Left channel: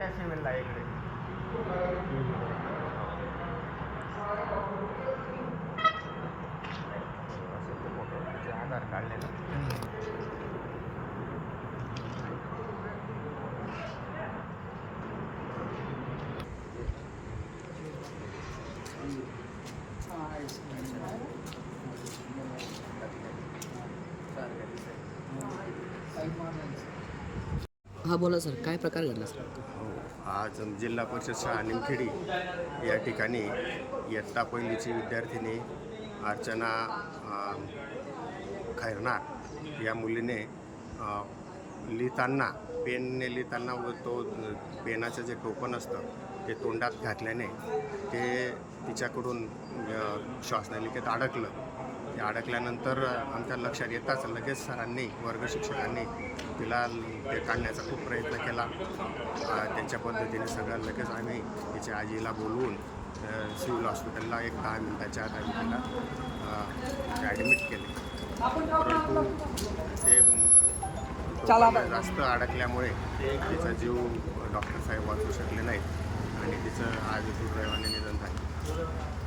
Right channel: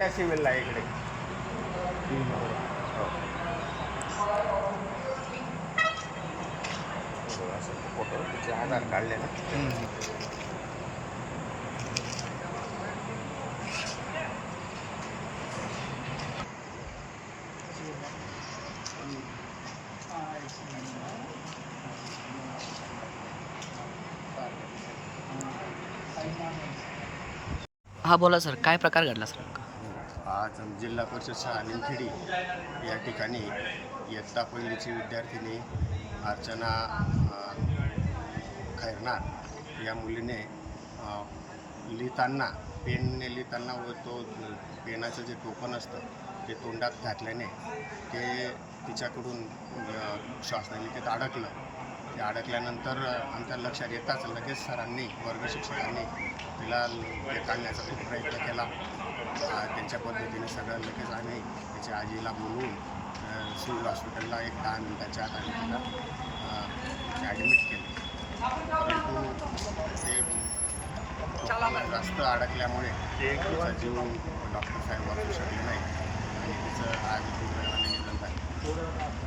त्या सिव्हिलला इकडे. आधार हा बोला सर. काय प्रकार घडला सर? आज जिल्हा परिषद शाळा निमखेडी या ठिकाणी इयत्ता पहिलीची विद्यार्थिनी अर्चना खैरनार या मुलीने लिहिताना पेनने लिहिताना व तो पेनाचं जे टोपण असतं ते तोंडात घातल्याने ते तिच्याकडून अ, श्वासनलिकेत अडकलं. ते अडकल्यानंतर आमच्या लक्षात येताच लगेच सरांनी वर्ग शिक्षकांनी तिला ते काढण्याचा खूप प्रयत्न केला. त्यांच्या पद्धतीने सगळं लगेच आम्ही तिच्या आजीला बोलवून सिव्हिल हॉस्पिटलला एक दहा मिनिटाच्या आत आम्ही तिला ॲडमिट केले. परंतु ते जास्त अडकल्यामुळे तिचा जीव डॉक्टर साहेब वाचू शकले नाही आणि तिचं आज दुर्दैवाने निधन झाले.